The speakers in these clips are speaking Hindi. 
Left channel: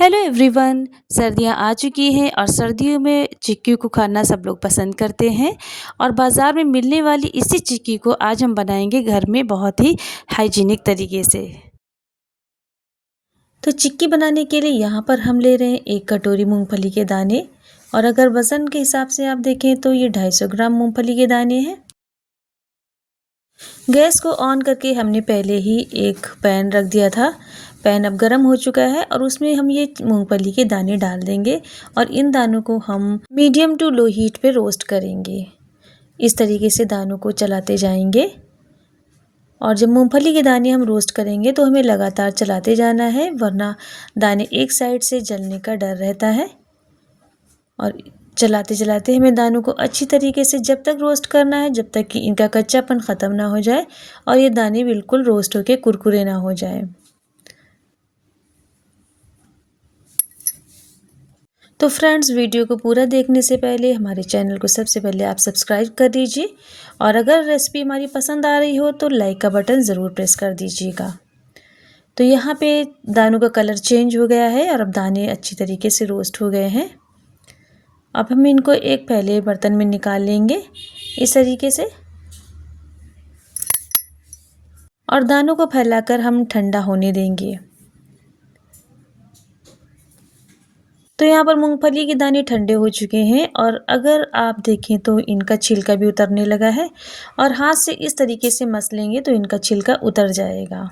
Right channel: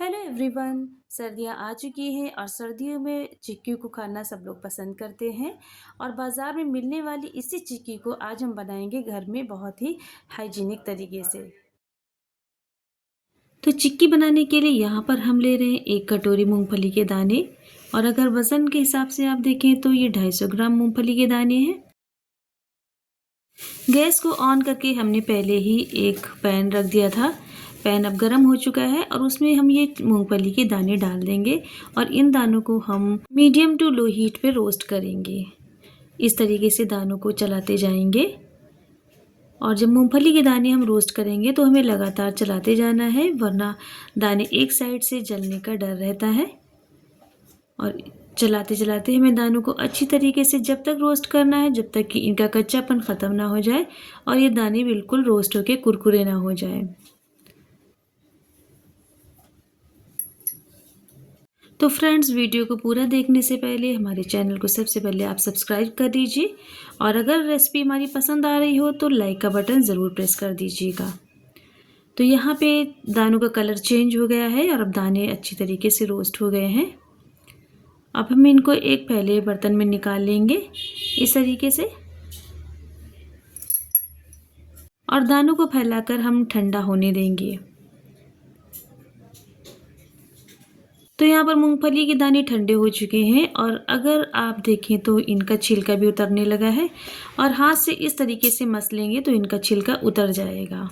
Hello everyone. सर्दियाँ आ चुकी हैं और सर्दियों में चिक्की को खाना सब लोग पसंद करते हैं और बाज़ार में मिलने वाली इसी चिक्की को आज हम बनाएंगे घर में बहुत ही हाइजीनिक तरीके से। तो चिक्की बनाने के लिए यहाँ पर हम ले रहे हैं 1 कटोरी मूंगफली के दाने और अगर वज़न के हिसाब से आप देखें तो ये 250 ग्राम मूंगफली के दाने हैं। गैस को ऑन करके हमने पहले ही एक पैन रख दिया था। पैन अब गर्म हो चुका है और उसमें हम ये मूंगफली के दाने डाल देंगे और इन दानों को हम मीडियम टू लो हीट पे रोस्ट करेंगे। इस तरीके से दानों को चलाते जाएंगे और जब मूंगफली के दाने हम रोस्ट करेंगे तो हमें लगातार चलाते जाना है, वरना दाने एक साइड से जलने का डर रहता है। और चलाते चलाते हमें दानों को अच्छी तरीके से जब तक रोस्ट करना है जब तक कि इनका कच्चापन ख़त्म ना हो जाए और ये दाने बिल्कुल रोस्ट होके कुरकुरे ना हो जाए। तो फ्रेंड्स, वीडियो को पूरा देखने से पहले हमारे चैनल को सबसे पहले आप सब्सक्राइब कर दीजिए और अगर रेसिपी हमारी पसंद आ रही हो तो लाइक का बटन ज़रूर प्रेस कर दीजिएगा। तो यहाँ पे दानों का कलर चेंज हो गया है और अब दाने अच्छी तरीके से रोस्ट हो गए हैं। अब हम इनको एक पहले बर्तन में निकाल लेंगे इस तरीके से और दानों को फैलाकर हम ठंडा होने देंगे। तो यहाँ पर मूंगफली के दाने ठंडे हो चुके हैं और अगर आप देखें तो इनका छिलका भी उतरने लगा है और हाथ से इस तरीके से मस लेंगे तो इनका छिलका उतर जाएगा।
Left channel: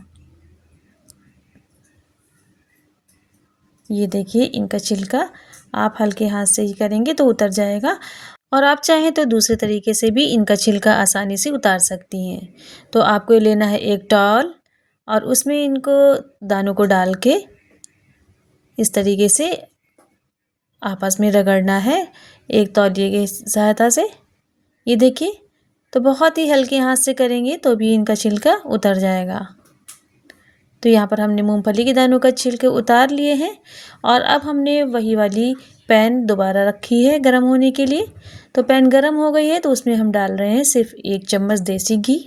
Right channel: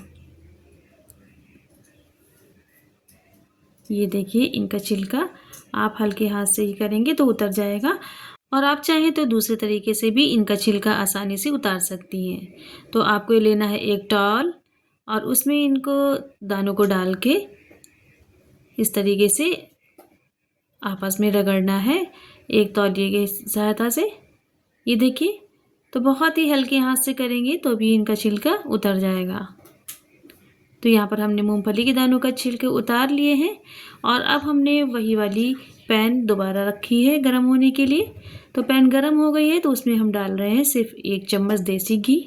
ये देखिए, इनका छिलका आप हल्के हाथ से ही करेंगे तो उतर जाएगा और आप चाहें तो दूसरे तरीके से भी इनका छिलका आसानी से उतार सकती हैं। तो आपको लेना है एक टॉवल और उसमें इनको दानों को डाल के इस तरीके से आपस में रगड़ना है एक तौलिए की सहायता से। ये देखिए, तो बहुत ही हल्के हाथ से करेंगे तो भी इनका छिलका उतर जाएगा। तो यहाँ पर हमने मूंगफली के दानों का छिलके उतार लिए हैं और अब हमने वही वाली पैन दोबारा रखी है गर्म होने के लिए। तो पैन गर्म हो गई है तो उसमें हम डाल रहे हैं सिर्फ 1 चम्मच देसी घी।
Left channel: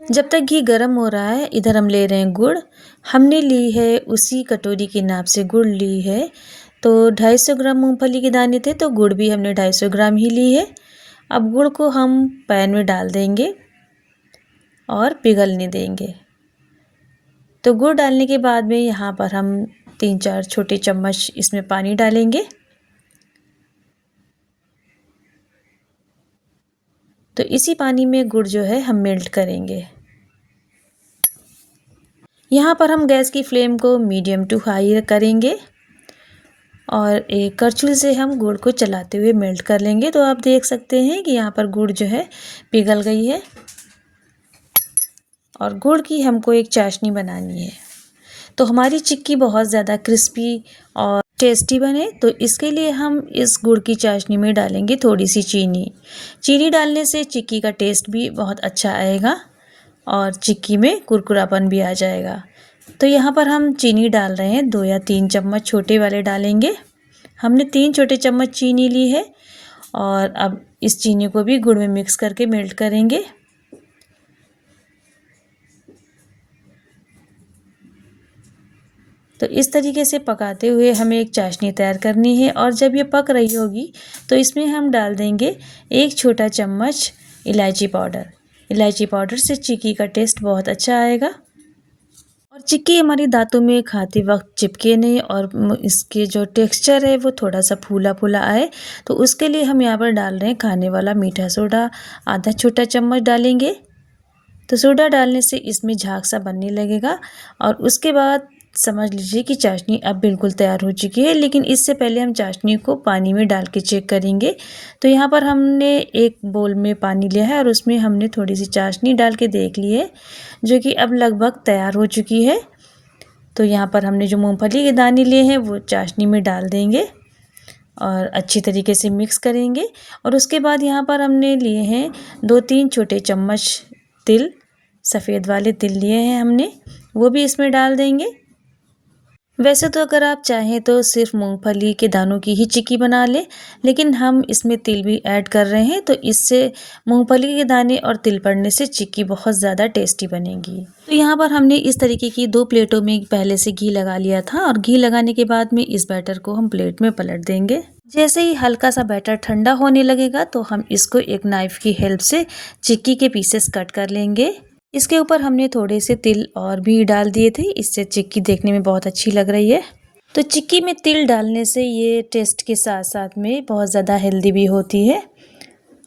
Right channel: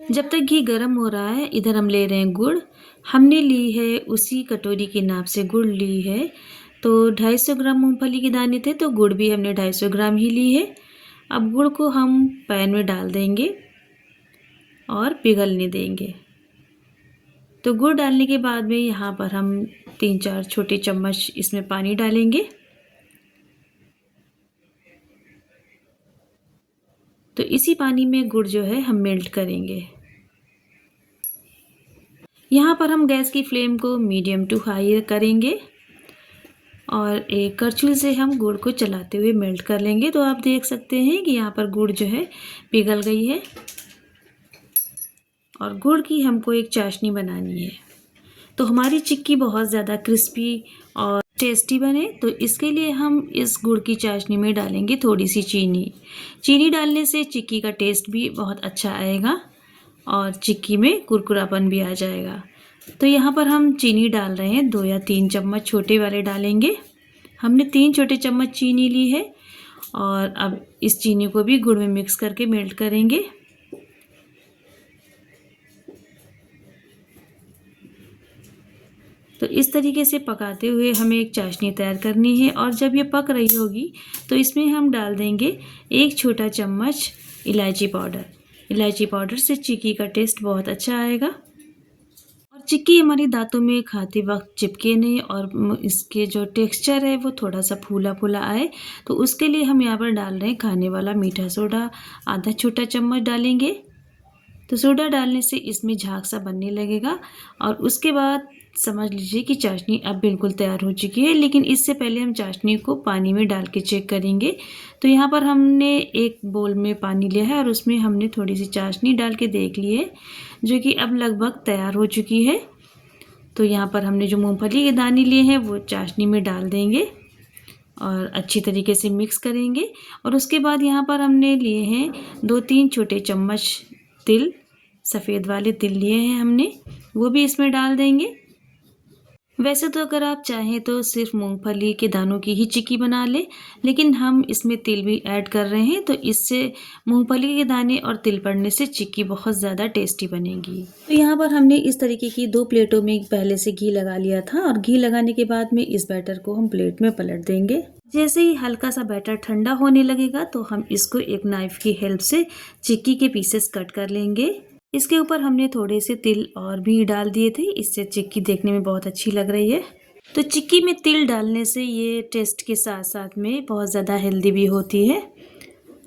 जब तक घी गर्म हो रहा है इधर हम ले रहे हैं गुड़। हमने ली है उसी कटोरी के नाप से गुड़ ली है। तो 250 ग्राम मूंगफली के दाने थे तो गुड़ भी हमने 250 ग्राम ही ली है। अब गुड़ को हम पैन में डाल देंगे और पिघलने देंगे। तो गुड़ डालने के बाद में यहाँ पर हम 3-4 छोटे चम्मच इसमें पानी डालेंगे। तो इसी पानी में गुड़ जो है हम मेल्ट करेंगे। यहाँ पर हम गैस की फ्लेम को मीडियम टू हाई करेंगे और एक करछुल से हम गुड़ को चलाते हुए मेल्ट कर लेंगे। तो आप देख सकते हैं कि यहाँ पर गुड़ जो है पिघल गई है और गुड़ की हमको एक चाशनी बनानी है। तो हमारी चिक्की बहुत ज़्यादा क्रिस्पी और टेस्टी बने तो इसके लिए हम इस गुड़ की चाशनी में डालेंगे थोड़ी सी चीनी। चीनी डालने से चिक्की का टेस्ट भी बहुत अच्छा आएगा और चिक्की में कुरकुरापन भी आ जाएगा। तो यहाँ पर हम चीनी डाल रहे हैं, 2 या 3 चम्मच छोटे वाले डालेंगे। हमने 3 छोटे चम्मच चीनी ली है और अब इस चीनी को भी गुड़ में मिक्स करके मेल्ट करेंगे। तो इस तरीके से पकाते हुए हमें एक चाशनी तैयार करनी है और जब ये पक रही होगी तो इसमें हम डाल देंगे 1 छोटा चम्मच इलायची पाउडर। इलायची पाउडर से चिक्की का टेस्ट बहुत अच्छा आएगा और चिक्की हमारी दांतों में खाते वक्त चिपके नहीं और इसके जो टेक्सचर है वो थोड़ा सा फूला फूला आए। तो उसके लिए हम यहाँ पर डाल रहे हैं खाने वाला मीठा सोडा, आधा छोटा चम्मच डालेंगे। तो सोडा डालने से इसमें झाग सा बनने लगेगा और उसके बाद समझ लीजिए कि चाशनी अब बिल्कुल तैयार हो चुकी है। लेकिन इससे पहले हम चाशनी को पानी में डाल के चेक करेंगे। तो यहाँ पर हमने एक बोल में पानी लिया है और उसमें हमने थोड़ी सी चाशनी डाल के देख ली है जो कि अब लगभग तैयार हो चुकी है। तो यहाँ पर हमने जो मूंगफली के दाने लिए हैं वो चाशनी में डाल देंगे और अच्छी तरीके से मिक्स करेंगे। और उसके बाद यहाँ पर हमने लिए हैं 2-3 छोटे चम्मच तिल, सफ़ेद वाले तिल लिए हैं हमने, वो भी इसमें डाल देंगे। वैसे तो अगर आप चाहें तो सिर्फ मूंगफली के दानों की ही चिक्की बना लें, लेकिन हम इसमें तिल भी ऐड कर रहे हैं, तो इससे मूंगफली के दाने और तिल पड़ने से चिक्की बहुत ज़्यादा टेस्टी बनेगी। तो यहाँ पर हमने इस तरीके की 2 प्लेटों में पहले से घी लगा लिया था और घी लगाने के बाद में इस बैटर को हम प्लेट में पलट देंगे। जैसे ही हल्का सा बैटर ठंडा होने लगेगा तो हम इसको एक नाइफ की हेल्प से चिक्की के पीसेस कट कर लेंगे। इसके ऊपर हमने थोड़े से तिल और भी डाल दिए थे, इससे चिक्की देखने में बहुत अच्छी लग रही है। तो चिक्की में तिल डालने से ये टेस्ट के साथ साथ में बहुत ज़्यादा हेल्दी भी होती है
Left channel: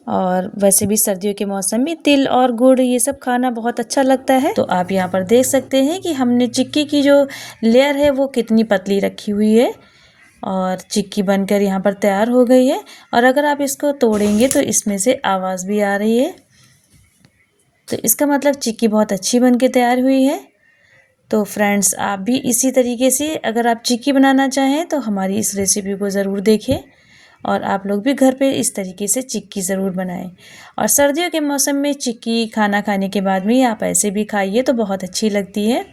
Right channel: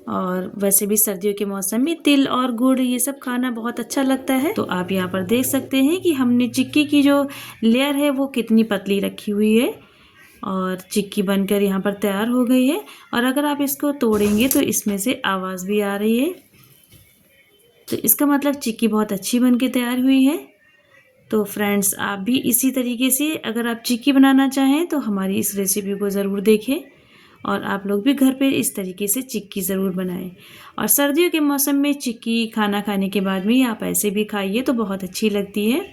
और वैसे भी सर्दियों के मौसम में तिल और गुड़ ये सब खाना बहुत अच्छा लगता है। तो आप यहाँ पर देख सकते हैं कि हमने चिक्की की जो लेयर है वो कितनी पतली रखी हुई है और चिक्की बनकर यहाँ पर तैयार हो गई है। और अगर आप इसको तोड़ेंगे तो इसमें से आवाज़ भी आ रही है, तो इसका मतलब चिक्की बहुत अच्छी बन के तैयार हुई है। तो फ्रेंड्स, आप भी इसी तरीके से अगर आप चिक्की बनाना चाहें तो हमारी इस रेसिपी को ज़रूर देखें और आप लोग भी घर पे इस तरीके से चिक्की ज़रूर बनाएं। और सर्दियों के मौसम में चिक्की खाना खाने के बाद में आप ऐसे भी खाइए तो बहुत अच्छी लगती है।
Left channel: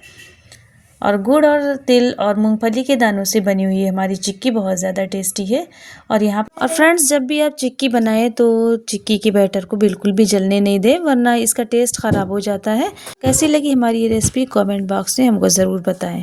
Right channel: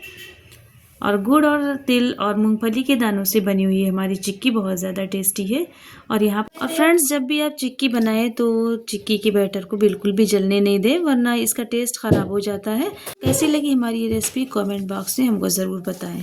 और गुड़ और तिल और मूंगफली के दानों से बनी हुई हमारी चिक्की बहुत ज़्यादा टेस्टी है। और फ्रेंड्स, जब भी आप चिक्की बनाएं तो चिक्की के बैटर को बिल्कुल भी जलने नहीं दें, वरना इसका टेस्ट ख़राब हो जाता है। कैसी लगी हमारी ये रेसिपी कमेंट बॉक्स में हमको ज़रूर बताएं।